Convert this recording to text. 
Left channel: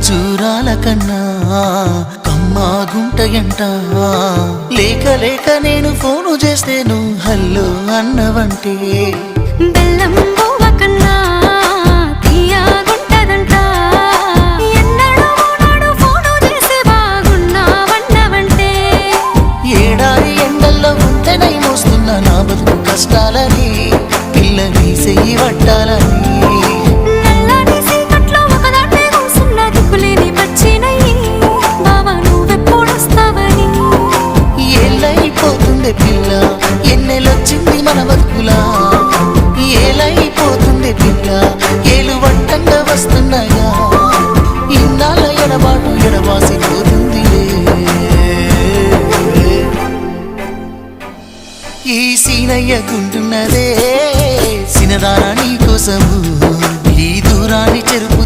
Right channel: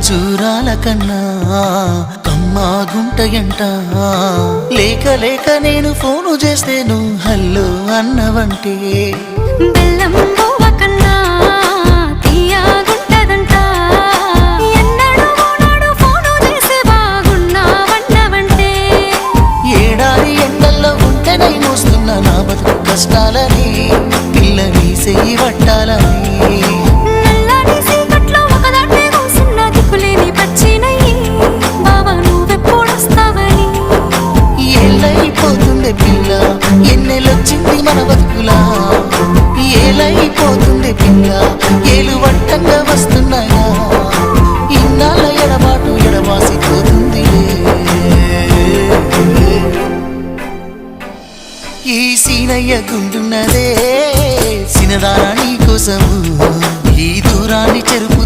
ఖర్జూరాల కన్నా కమ్మాగుంటయంట. లేక లేక నేను ఫోను చేస్తే నువ్వు హల్లో అన్నవంటే బెల్లం బువ్వ కన్నా తీయగుంటదంట. ఎన్నడూ నాడు ఫోను చేసి బాగున్నావన్నవంటే ఏడాది ఎండల్లో ఉంటేనై మోస్తున్నా నా బతుకు కష్టాలని పిల్లని చెయ్యి పట్టాలని. నల్లని సీకట్లో ఒకదాన్నే కూసున్నా దిక్కులేని పచ్చినయ్యి బావా నువ్వెప్పుడొస్తావని. ఏళ్ళైపోతుంది పిల్ల ఎన్నెలొచ్చింది మన బతుకులా. ఏలైపోతుంది పిల్ల ఏలు వట్టంగా వస్తున్నాగా. ఇన్నాళ్ళ ఎడబాటు ఎడబాసిపోతుందిలే. ఈ సీనయ్య గుంటున్నదే సినదారా నీ కోసము ఈ దూరాన్ని చెరుపుతూ